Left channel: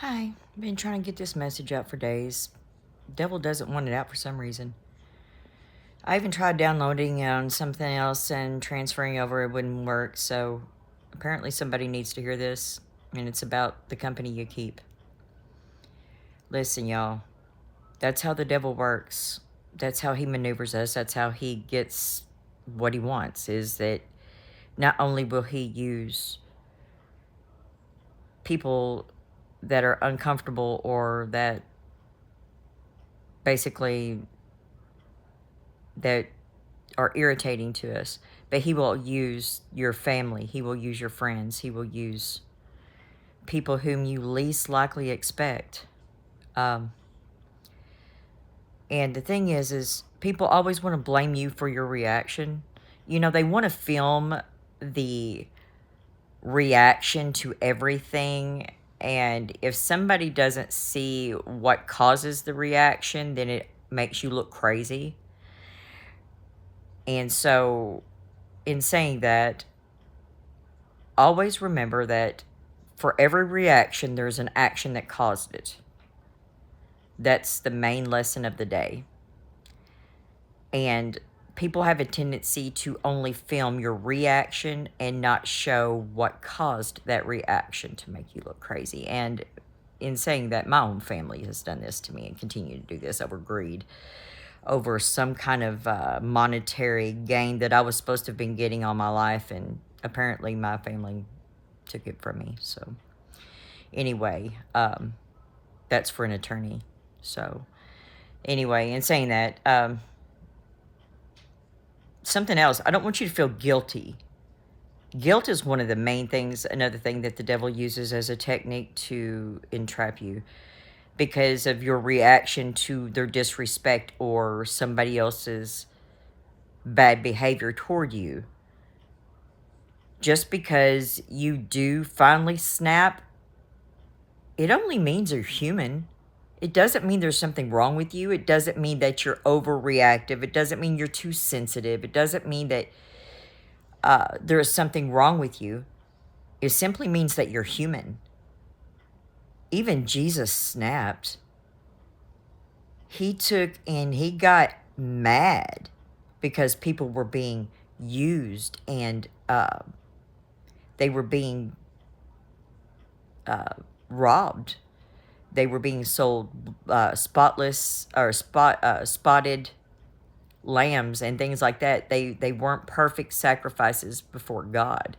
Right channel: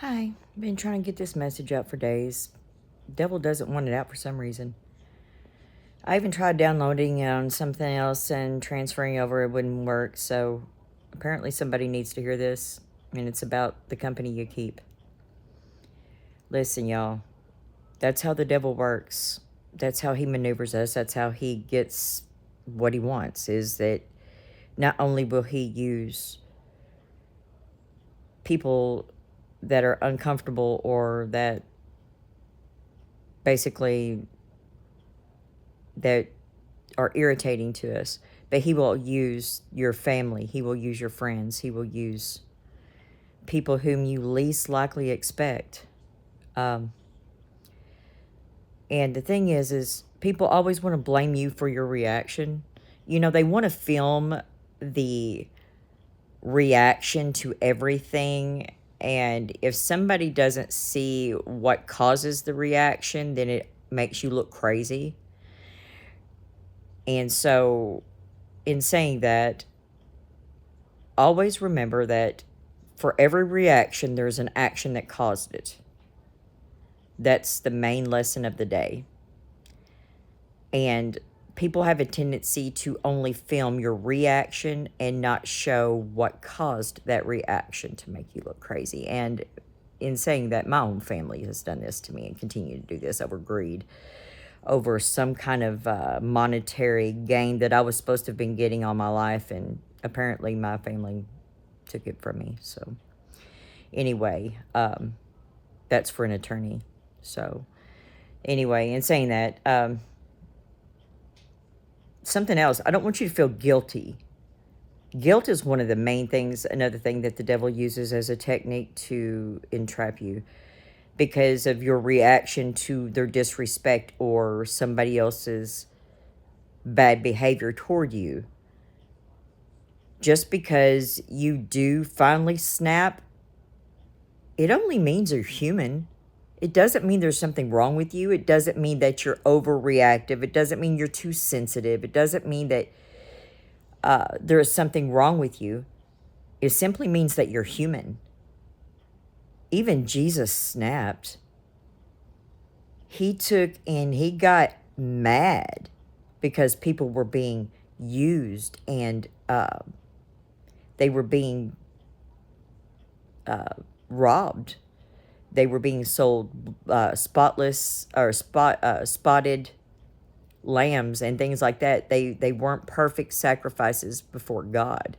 Hi, been trying to get this message out for days. Devil doesn't want it out for some reason. I even tried downloading it on something else and transferring over, it wouldn't work, so apparently somebody needs to hear this, and it's about the company you keep. Listen, y'all, that's how the devil works. That's how he maneuvers us. That's how he gets what he wants, is that not only will he use people that are uncomfortable or that basically that are irritating to us, but he will use your family, he will use your friends, he will use people whom you least likely expect. And the thing is people always want to blame you for your reaction. You know, they want to film the reaction to everything, and if somebody doesn't see what causes the reaction, then it makes you look crazy. And so, in saying that, always remember that for every reaction, there's an action that caused it. That's the main lesson of the day. And people have a tendency to only film your reaction and not show what caused that reaction to make you look crazy. And in saying that, my own family has done this to me and continue to do this over greed, over some kind of monetary gain that I was supposed to have been getting all my life, and apparently my family took it from me. So anyway, that's for an attorney. So anyway, in saying that, something else, I don't want you to feel guilty. Guilt is one of the main things, another thing that the devil uses as a technique to entrap you because of your reaction to their disrespect or somebody else's bad behavior toward you. Just because you do finally snap, it only means you're human. It doesn't mean there's something wrong with you. It doesn't mean that you're overreactive. It doesn't mean you're too sensitive. It doesn't mean that there is something wrong with you. It simply means that you're human. Even Jesus snapped. He took and he got mad because people were being used and they were being robbed. They were being sold spotless or spotted lambs and things like that. They weren't perfect sacrifices before God.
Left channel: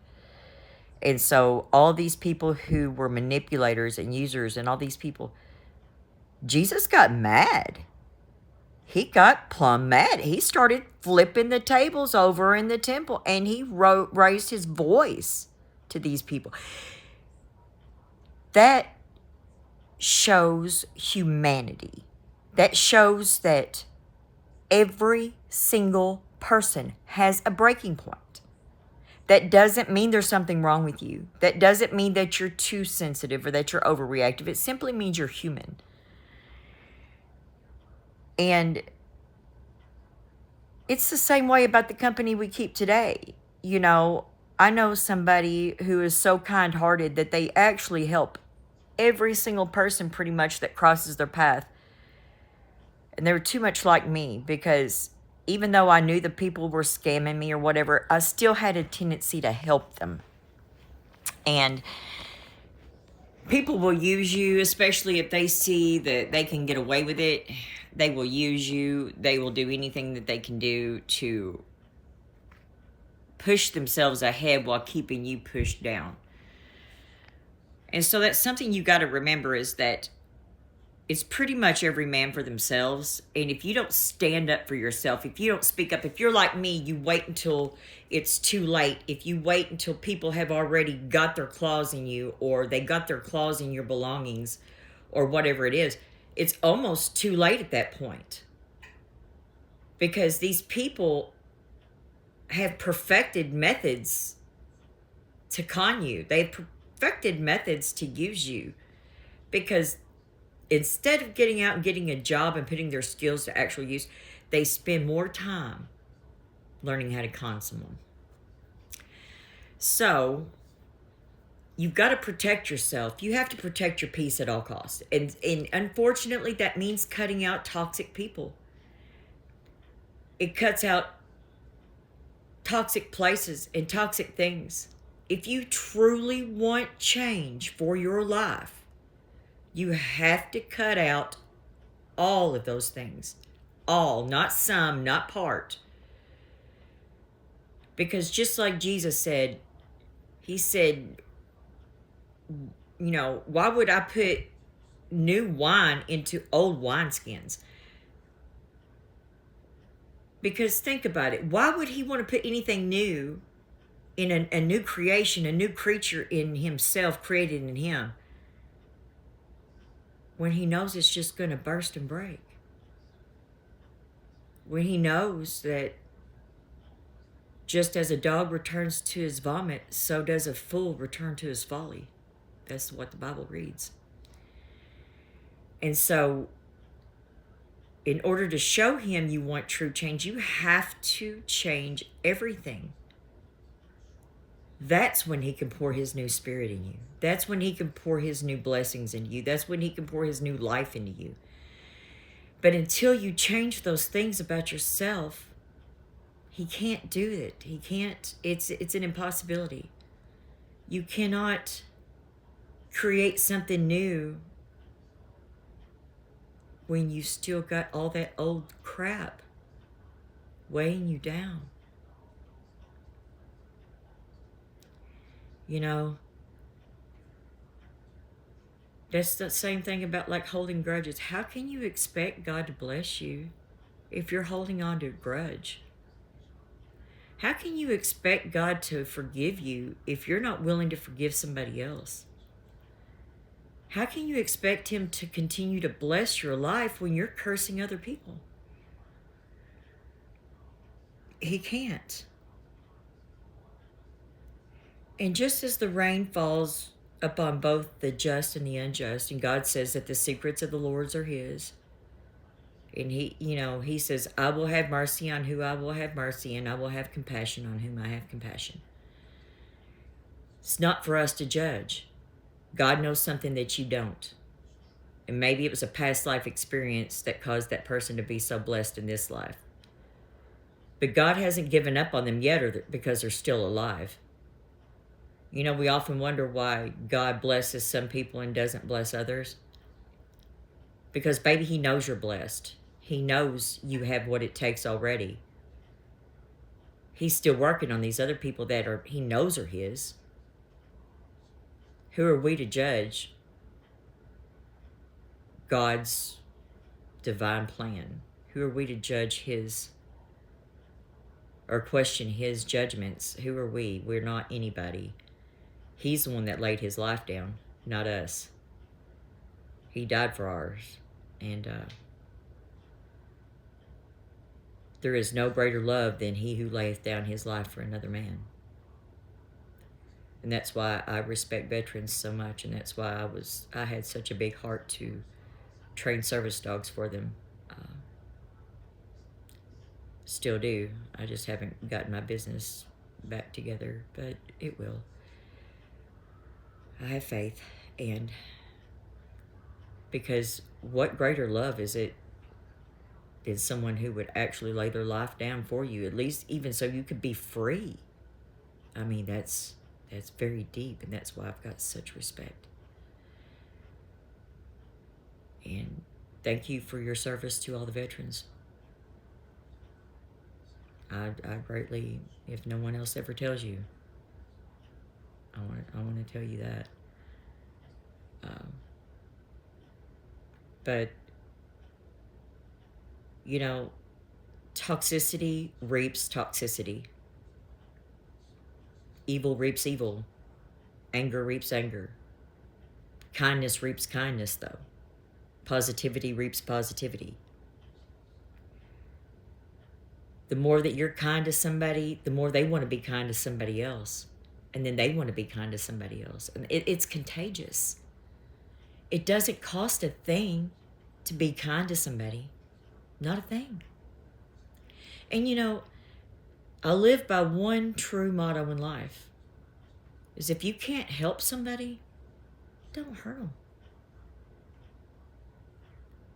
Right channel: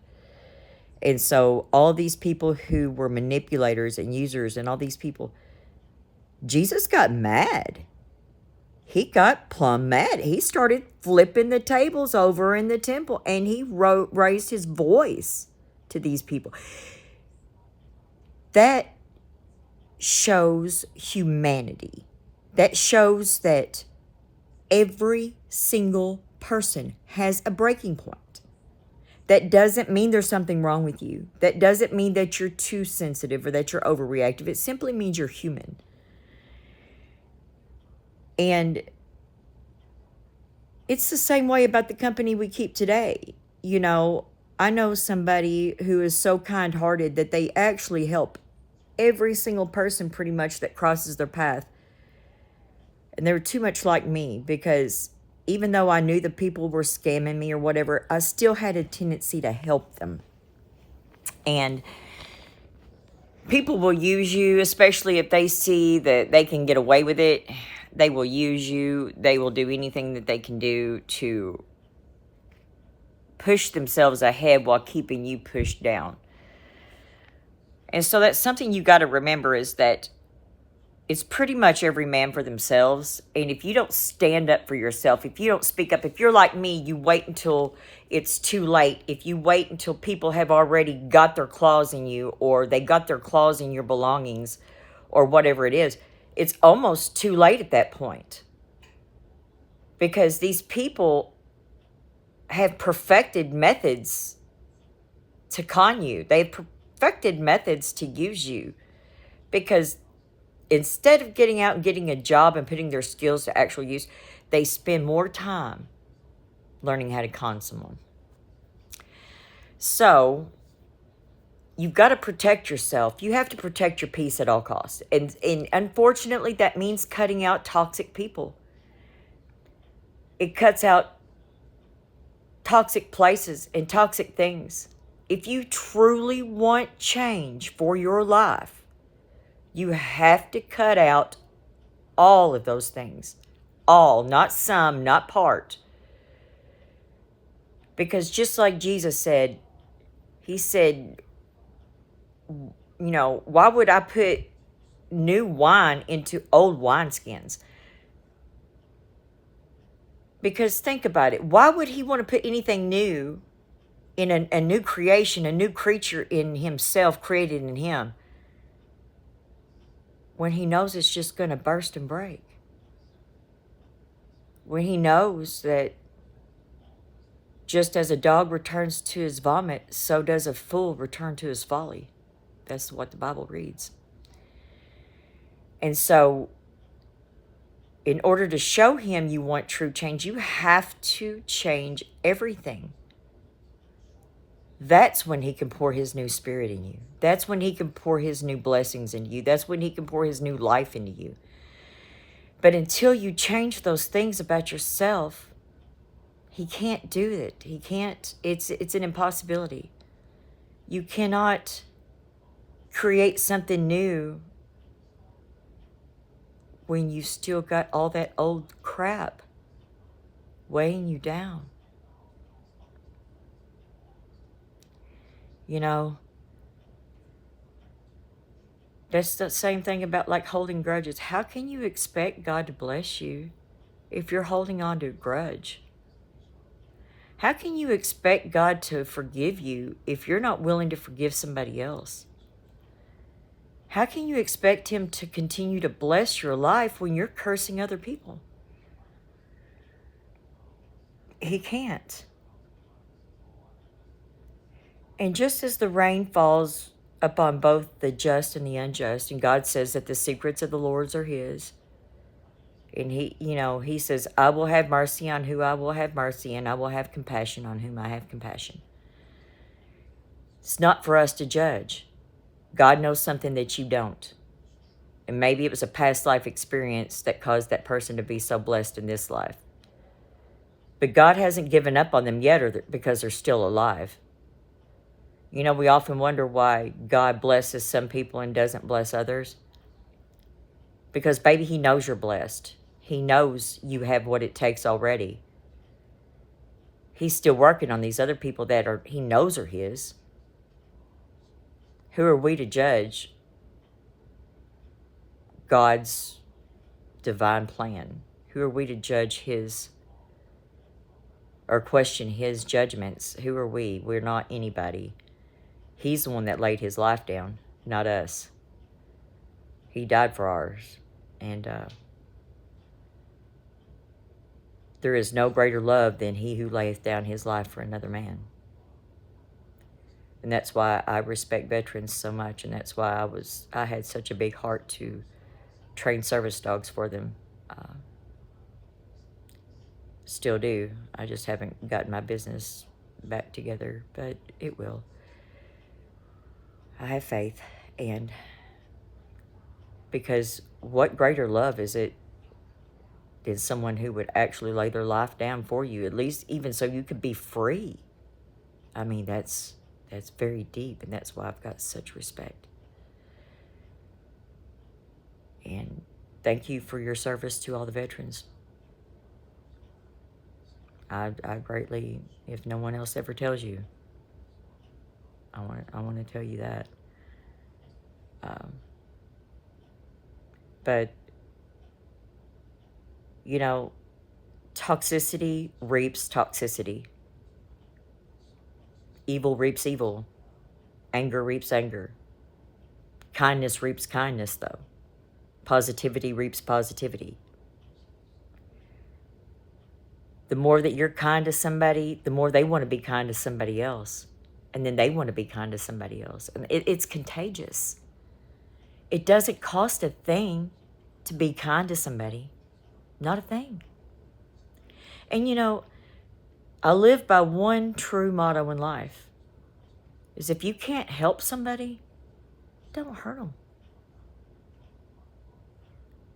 And so all these people who were manipulators and users and all these people, Jesus got mad. He got plumb mad. He started flipping the tables over in the temple, and he raised his voice to these people. That shows humanity. That shows that every single person has a breaking point. That doesn't mean there's something wrong with you. That doesn't mean that you're too sensitive or that you're overreactive. It simply means you're human. And it's the same way about the company we keep today. You know, I know somebody who is so kind-hearted that they actually help every single person pretty much that crosses their path. And they were too much like me because even though I knew the people were scamming me or whatever, I still had a tendency to help them. And people will use you, especially if they see that they can get away with it. They will use you. They will do anything that they can do to push themselves ahead while keeping you pushed down. And so that's something you got to remember, is that it's pretty much every man for themselves. And if you don't stand up for yourself, if you don't speak up, if you're like me, you wait until it's too late. If you wait until people have already got their claws in you, or they got their claws in your belongings, or whatever it is, it's almost too late at that point. Because these people have perfected methods to con you. They've perfected methods to use you. Because instead of getting out and getting a job and putting their skills to actual use, they spend more time learning how to con someone. So, you've got to protect yourself. You have to protect your peace at all costs. And unfortunately, that means cutting out toxic people. It cuts out toxic places and toxic things. If you truly want change for your life, you have to cut out all of those things. All, not some, not part. Because just like Jesus said, he said, why would I put new wine into old wineskins? Because think about it. Why would he want to put anything new in a new creation, a new creature in himself, created in him, when he knows it's just going to burst and break? When he knows that just as a dog returns to his vomit, so does a fool return to his folly. That's what the Bible reads. And so, in order to show him you want true change, you have to change everything. That's when he can pour his new spirit in you. That's when he can pour his new blessings into you. That's when he can pour his new life into you. But until you change those things about yourself, he can't do it. He can't. It's an impossibility. You cannot create something new when you still got all that old crap weighing you down. That's the same thing about like holding grudges. How can you expect God to bless you if you're holding on to a grudge? How can you expect God to forgive you if you're not willing to forgive somebody else? How can you expect him to continue to bless your life when you're cursing other people? He can't. And just as the rain falls upon both the just and the unjust, and God says that the secrets of the Lord's are his, and he says, I will have mercy on who I will have mercy, and I will have compassion on whom I have compassion. It's not for us to judge. God knows something that you don't. And maybe it was a past life experience that caused that person to be so blessed in this life. But God hasn't given up on them yet because they're still alive. We often wonder why God blesses some people and doesn't bless others. Because, baby, he knows you're blessed. He knows you have what it takes already. He's still working on these other people that he knows are his. Who are we to judge God's divine plan? Who are we to judge his or question his judgments? Who are we? We're not anybody. He's the one that laid his life down, not us. He died for ours. And there is no greater love than he who layeth down his life for another man. And that's why I respect veterans so much, and that's why I had such a big heart to train service dogs for them. Still do. I just haven't gotten my business back together, but it will. I have faith, and because what greater love is it than someone who would actually lay their life down for you, at least even so you could be free? I mean, that's very deep, and that's why I've got such respect. And thank you for your service to all the veterans. I greatly, if no one else ever tells you, I want to tell you that. But toxicity reaps toxicity. Evil reaps evil. Anger reaps anger. Kindness reaps kindness, though. Positivity reaps positivity. The more that you're kind to somebody, the more they want to be kind to somebody else. And then they want to be kind to somebody else. And it's contagious. It doesn't cost a thing to be kind to somebody. Not a thing. And I live by one true motto in life. is if you can't help somebody, don't hurt them.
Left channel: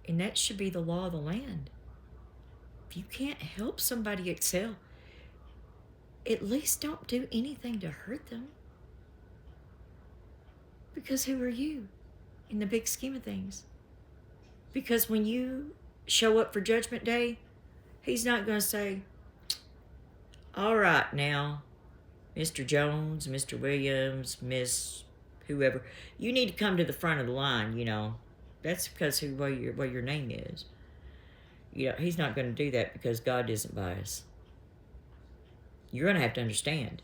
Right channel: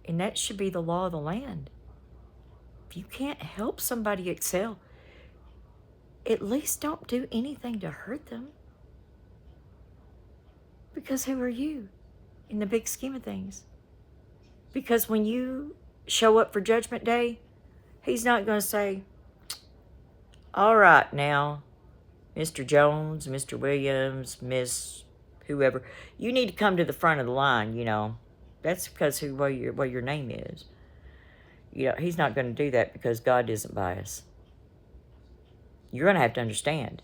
And that should be the law of the land. If you can't help somebody excel, at least don't do anything to hurt them. Because who are you in the big scheme of things? Because when you show up for Judgment Day, he's not going to say, all right now, Mr. Jones, Mr. Williams, Miss whoever, you need to come to the front of the line, you know. That's because what your name is. You know, he's not going to do that because God isn't biased. You're going to have to understand.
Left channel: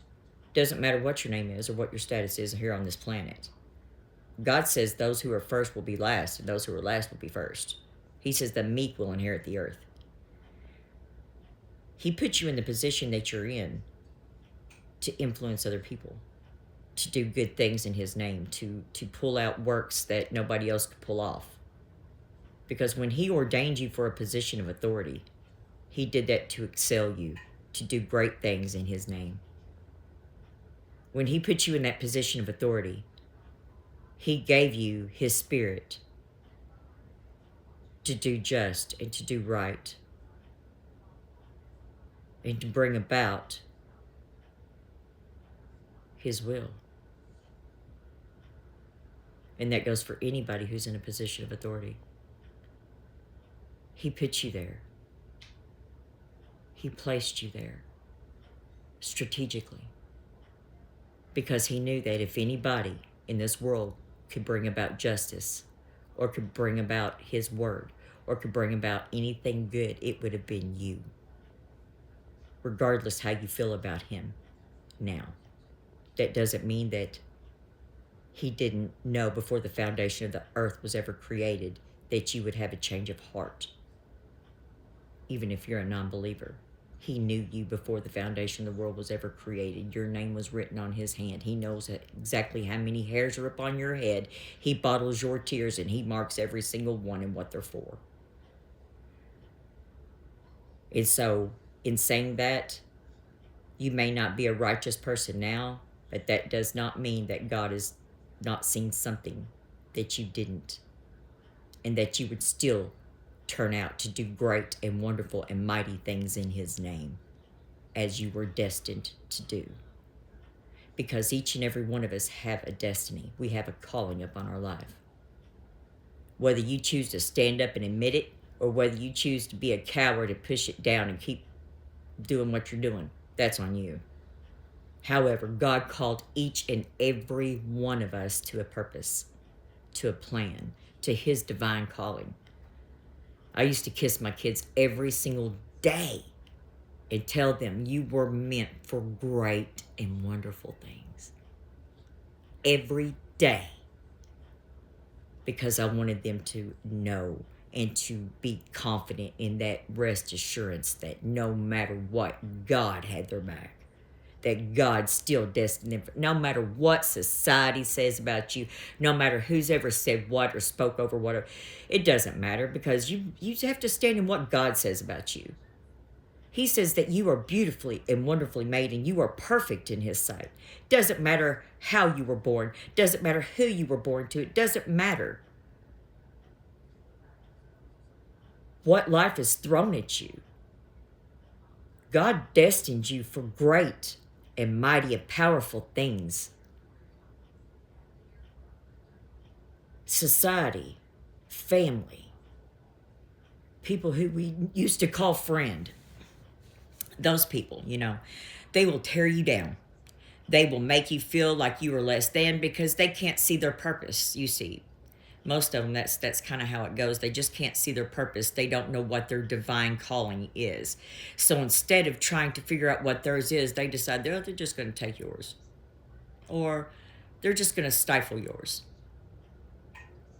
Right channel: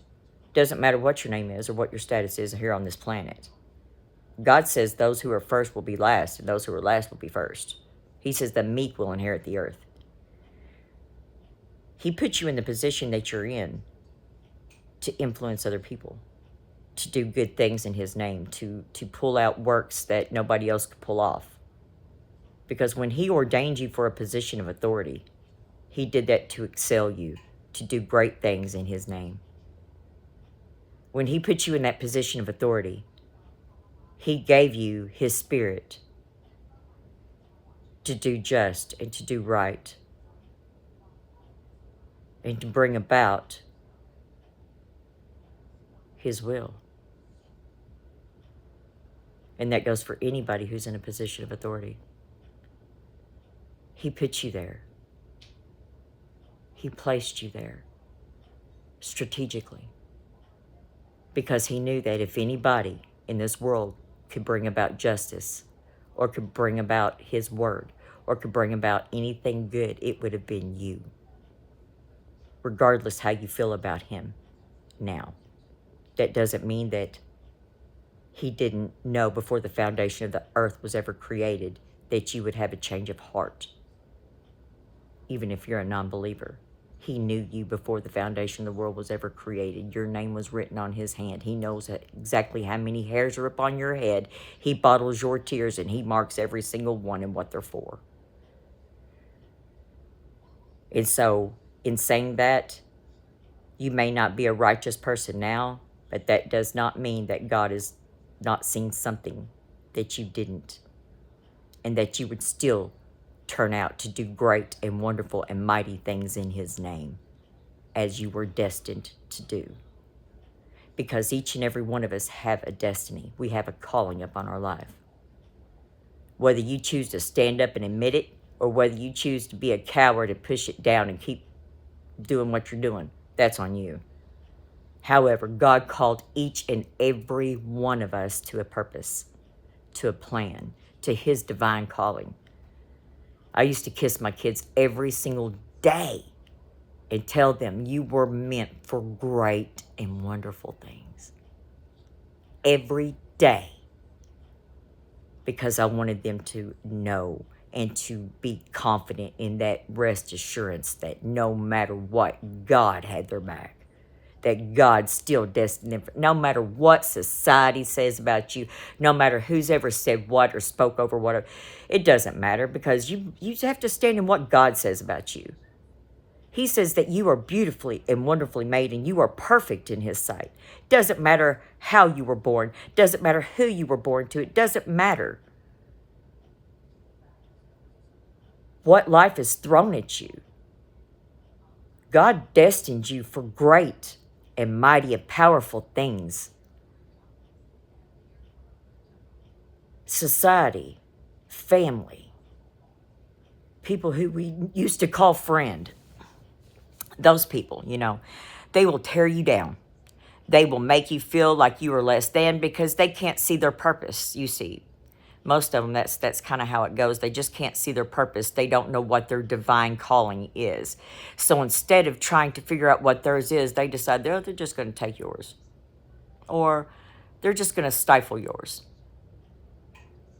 It doesn't matter what your name is or what your status is here on this planet. God says those who are first will be last, and those who are last will be first. He says the meek will inherit the earth. He put you in the position that you're in to influence other people, to do good things in his name, to pull out works that nobody else could pull off. Because when he ordained you for a position of authority, he did that to excel you, to do great things in his name. When he put you in that position of authority, he gave you his spirit to do just and to do right and to bring about his will. And that goes for anybody who's in a position of authority. He put you there. He placed you there strategically because he knew that if anybody in this world could bring about justice or could bring about his word or could bring about anything good, it would have been you, regardless how you feel about him now. That doesn't mean that he didn't know before the foundation of the earth was ever created that you would have a change of heart. Even if you're a non-believer, he knew you before the foundation of the world was ever created. Your name was written on his hand. He knows exactly how many hairs are upon your head. He bottles your tears and he marks every single one and what they're for. And so, in saying that, you may not be a righteous person now, but that does not mean that God has not seen something that you didn't, and that you would still turn out to do great and wonderful and mighty things in his name, as you were destined to do. Because each and every one of us have a destiny. We have a calling upon our life. Whether you choose to stand up and admit it, or whether you choose to be a coward and push it down and keep doing what you're doing, that's on you. However, God called each and every one of us to a purpose, to a plan, to his divine calling. I used to kiss my kids every single day and tell them you were meant for great and wonderful things. Every day. Because I wanted them to know and to be confident in that rest assurance that no matter what, God had their back. That God's still destined them. No matter what society says about you, no matter who's ever said what or spoke over whatever, it doesn't matter because you have to stand in what God says about you. He says that you are beautifully and wonderfully made and you are perfect in his sight. Doesn't matter how you were born. Doesn't matter who you were born to. It doesn't matter what life has thrown at you. God destined you for great and mighty and powerful things. Society, family, people who we used to call friend, those people, you know, they will tear you down. They will make you feel like you are less than because they can't see their purpose, you see. Most of them, that's kind of how it goes. They just can't see their purpose. They don't know what their divine calling is. So instead of trying to figure out what theirs is, they decide they're just going to take yours. Or they're just going to stifle yours.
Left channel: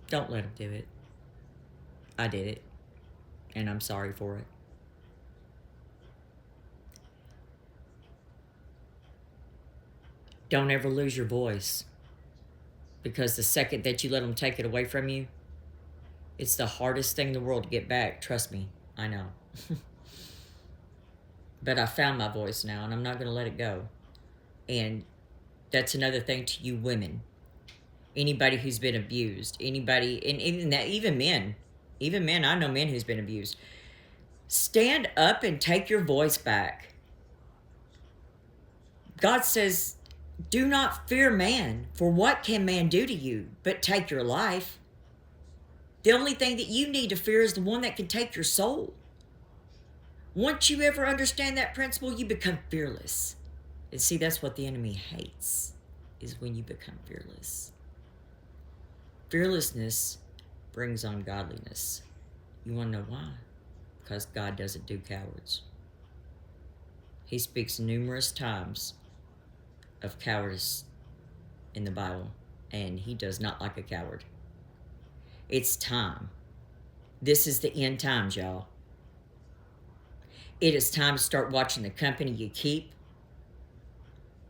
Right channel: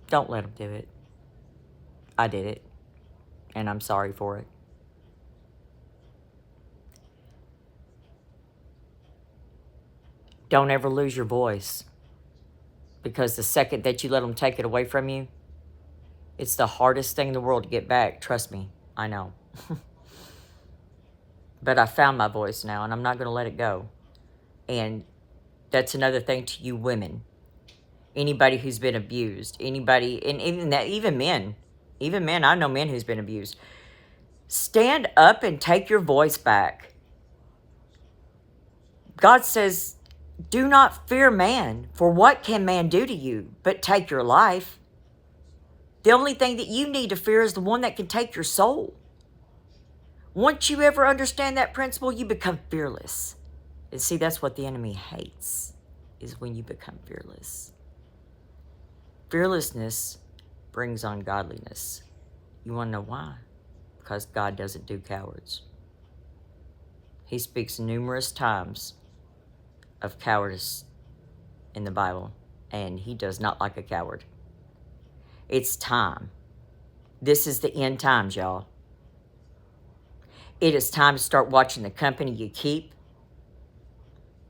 Don't let them do it. I did it. And I'm sorry for it. Don't ever lose your voice. Because the second that you let them take it away from you, it's the hardest thing in the world to get back. Trust me, I know. But I found my voice now, and I'm not going to let it go. And That's another thing to you women. Anybody who's been abused. Anybody, and even men. Even men, I know men who's been abused. Stand up and take your voice back. God says, do not fear man, for what can man do to you but take your life? The only thing that you need to fear is the one that can take your soul. Once you ever understand that principle, you become fearless. And see, that's what the enemy hates, is when you become fearless. Fearlessness brings on godliness. You want to know why? Because God doesn't do cowards. He speaks numerous times of cowardice in the Bible, and he does not like a coward. It's time. This is the end times, y'all. It is time to start watching the company you keep,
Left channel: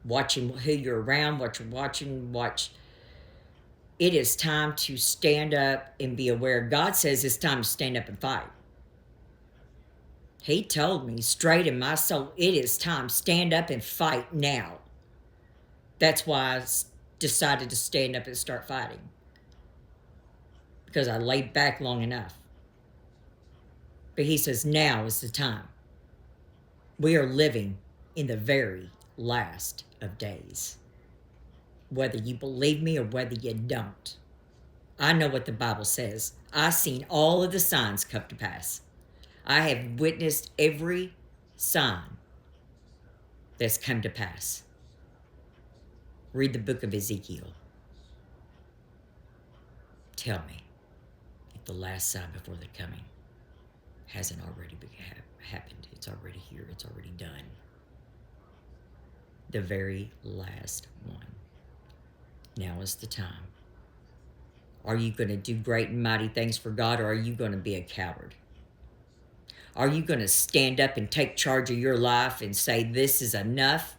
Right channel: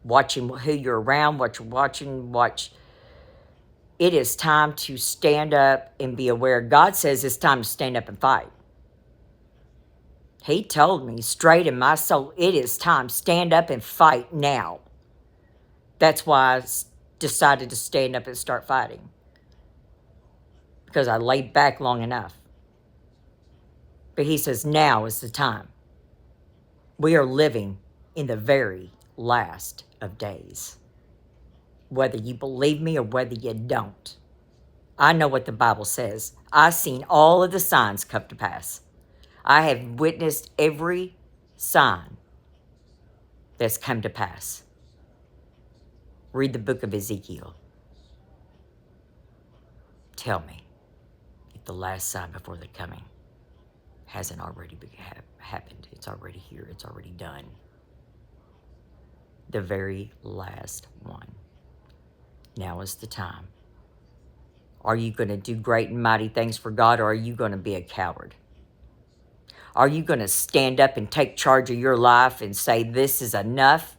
watching who you're around, what you're watching, It is time to stand up and be aware. God says it's time to stand up and fight. He told me straight in my soul, it is time. Stand up and fight now. That's why I decided to stand up and start fighting. Because I laid back long enough. But he says now is the time. We are living in the very last of days. Whether you believe me or whether you don't. I know what the Bible says. I've seen all of the signs come to pass. I have witnessed every sign that's come to pass. Read the book of Ezekiel. Tell me if the last sign before the coming hasn't already happened. It's already here. It's already done. The very last one. Now is the time. Are you going to do great and mighty things for God, or are you going to be a coward? Are you going to stand up and take charge of your life and say, this is enough?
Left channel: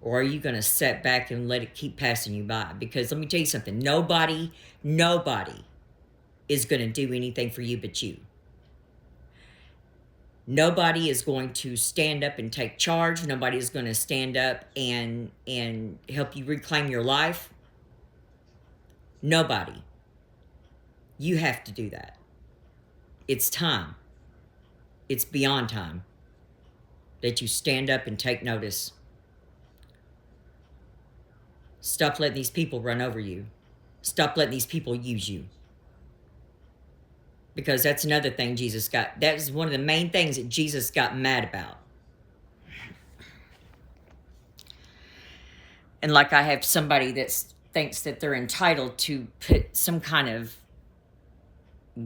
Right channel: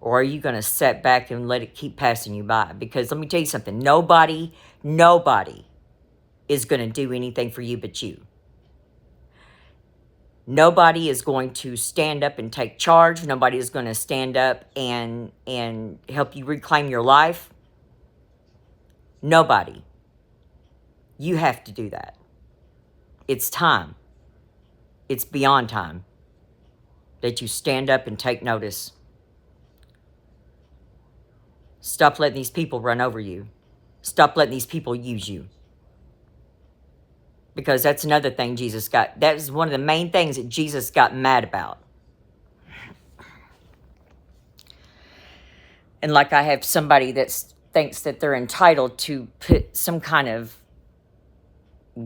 Or are you going to sit back and let it keep passing you by? Because let me tell you something. Nobody is going to do anything for you but you. Nobody is going to stand up and take charge. Nobody is going to stand up and help you reclaim your life. Nobody. You have to do that. It's time. It's beyond time that you stand up and take notice. Stop letting these people run over you. Stop letting these people use you. Because that's another thing Jesus got. That is one of the main things that Jesus got mad about. And like I have somebody that thinks that they're entitled to put some kind of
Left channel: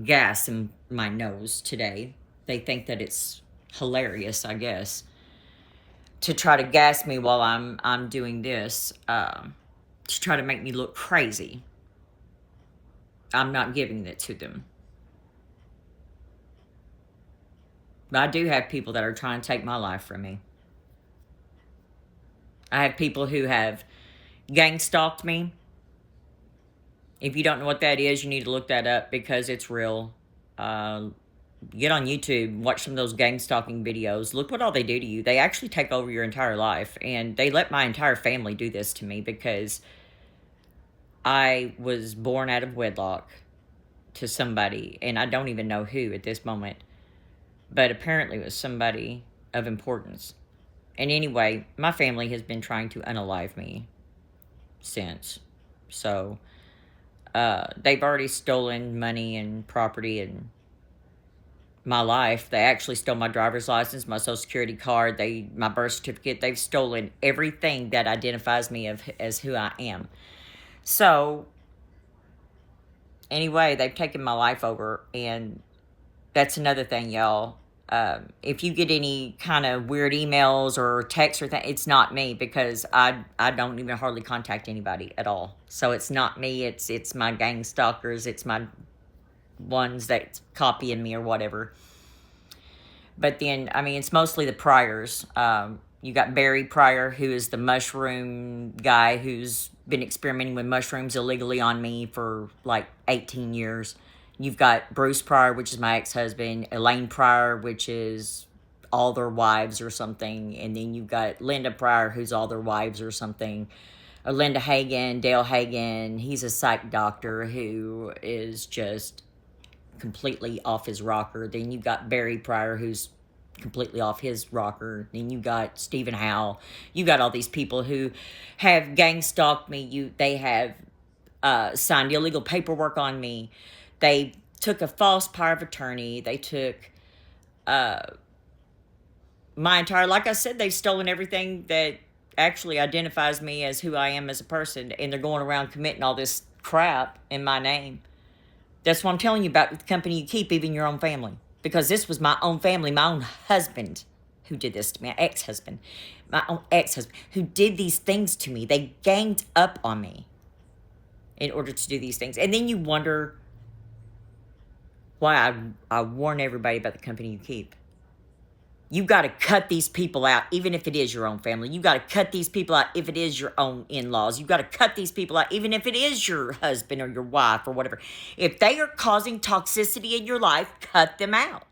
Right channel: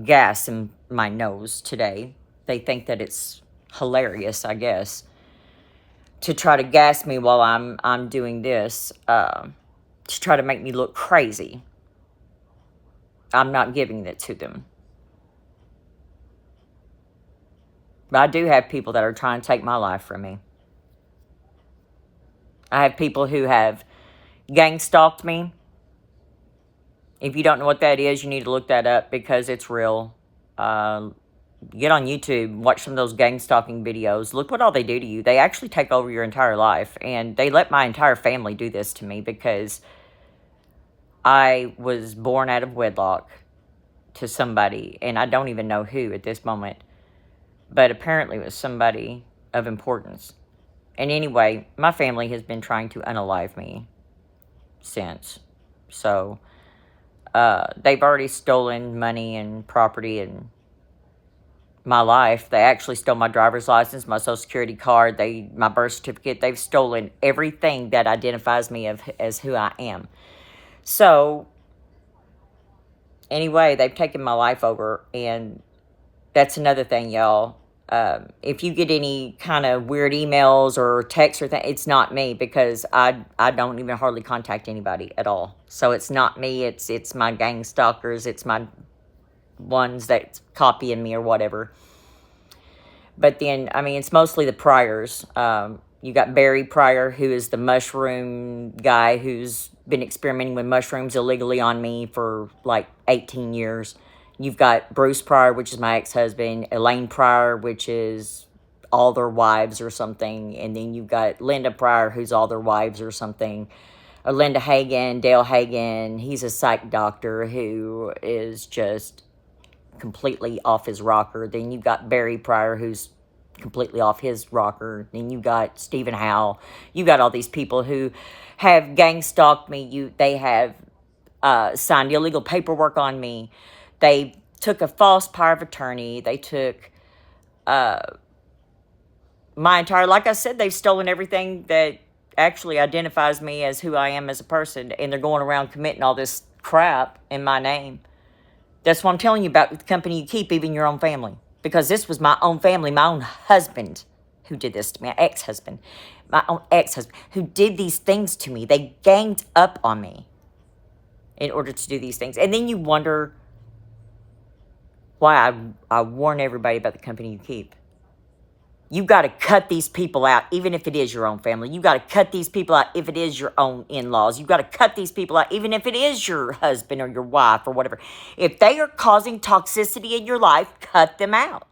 gas in my nose today. They think that it's hilarious, I guess, to try to gas me while I'm doing this, to try to make me look crazy. I'm not giving it to them. But I do have people that are trying to take my life from me. I have people who have gang stalked me. If you don't know what that is, you need to look that up because it's real. Get on YouTube, watch some of those gang stalking videos. Look what all they do to you. They actually take over your entire life. And they let my entire family do this to me because I was born out of wedlock to somebody. And I don't even know who at this moment. But apparently it was somebody of importance. And anyway, my family has been trying to unalive me since. So, they've already stolen money and property and my life. They actually stole my driver's license, my social security card, my birth certificate. They've stolen everything that identifies me as who I am. So, anyway, they've taken my life over, and that's another thing, y'all. If you get any kind of weird emails or texts or things, it's not me because I don't even hardly contact anybody at all. So it's not me. It's my gang stalkers. It's my ones that's copying me or whatever. But then, I mean, it's mostly the Pryors. You got Barry Pryor, who is the mushroom guy who's been experimenting with mushrooms illegally on me for like 18 years. You've got Bruce Pryor, which is my ex-husband. Elaine Pryor, which is all their wives or something. And then you've got Linda Pryor, who's all their wives or something. Or Linda Hagen, Dale Hagen, he's a psych doctor who is just completely off his rocker. Then you've got Barry Pryor, who's completely off his rocker. Then you got Stephen Howell. You got all these people who have gang stalked me. They have signed illegal paperwork on me. They took a false power of attorney. They took my entire, like I said, they've stolen everything that actually identifies me as who I am as a person, and they're going around committing all this crap in my name. That's what I'm telling you about with the company you keep, even your own family. Because this was my own family, my own husband who did this to me, my own ex-husband, who did these things to me. They ganged up on me in order to do these things. And then you wonder why I warn everybody about the company you keep. You've got to cut these people out, even if it is your own family. You've got to cut these people out if it is your own in-laws. You've got to cut these people out, even if it is your husband or your wife or whatever. If they are causing toxicity in your life, cut them out.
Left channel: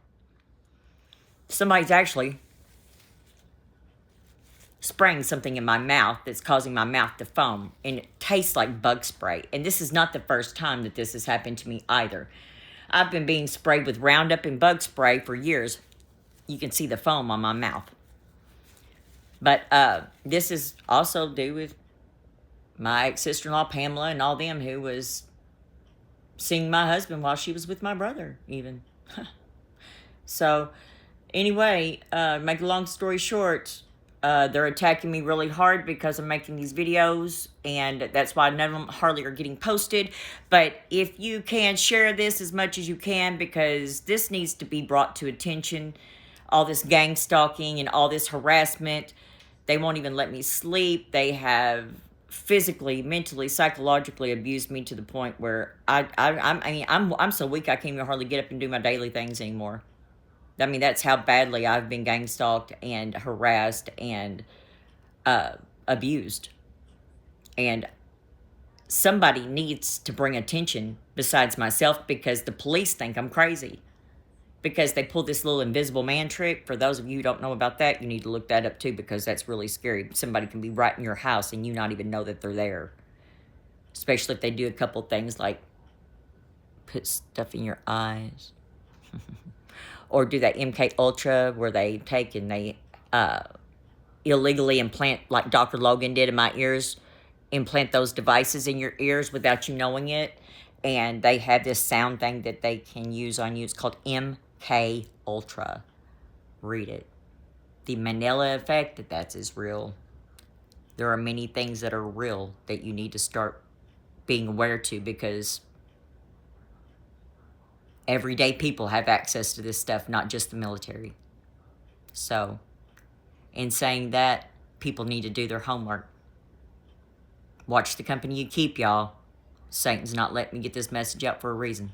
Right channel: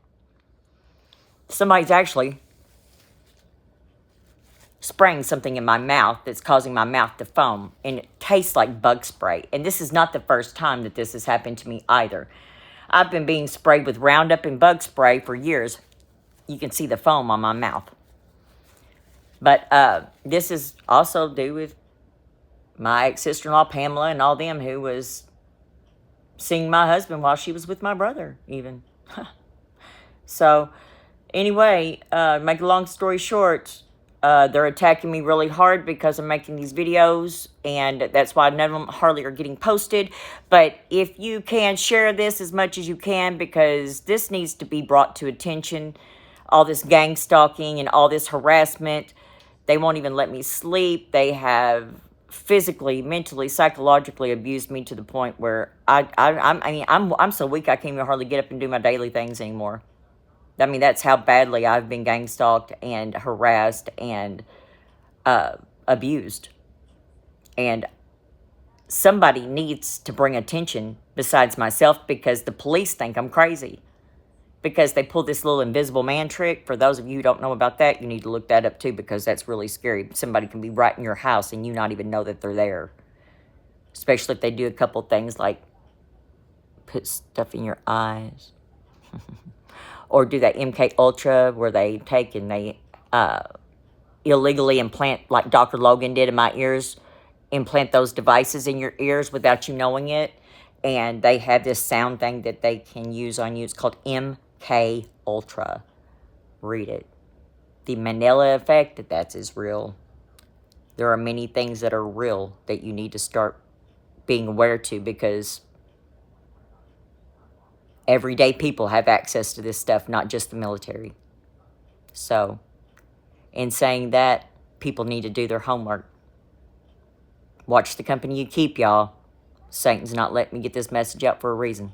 Somebody's actually spraying something in my mouth that's causing my mouth to foam, and it tastes like bug spray. And this is not the first time that this has happened to me either. I've been being sprayed with Roundup and bug spray for years. You can see the foam on my mouth. But this is also due with my ex-sister-in-law, Pamela, and all them who was seeing my husband while she was with my brother, even. So, anyway, make a long story short, they're attacking me really hard because I'm making these videos, and that's why none of them hardly are getting posted. But if you can, share this as much as you can, because this needs to be brought to attention. All this gang stalking and all this harassment. They won't even let me sleep. They have physically, mentally, psychologically abused me to the point where I'm so weak I can't even hardly get up and do my daily things anymore. I mean, that's how badly I've been gang stalked and harassed and abused. And somebody needs to bring attention besides myself, because the police think I'm crazy. Because they pulled this little invisible man trick. For those of you who don't know about that, you need to look that up too, because that's really scary. Somebody can be right in your house and you not even know that they're there. Especially if they do a couple things like put stuff in your eyes. Or do that MK Ultra where they take and they illegally implant, like Dr. Logan did in my ears, implant those devices in your ears without you knowing it. And they have this sound thing that they can use on you. It's called MK Ultra. Read it. The Mandela effect, that is real. There are many things that are real that you need to start being aware to, because everyday people have access to this stuff, not just the military. So, in saying that, people need to do their homework. Watch the company you keep, y'all. Satan's not letting me get this message out for a reason.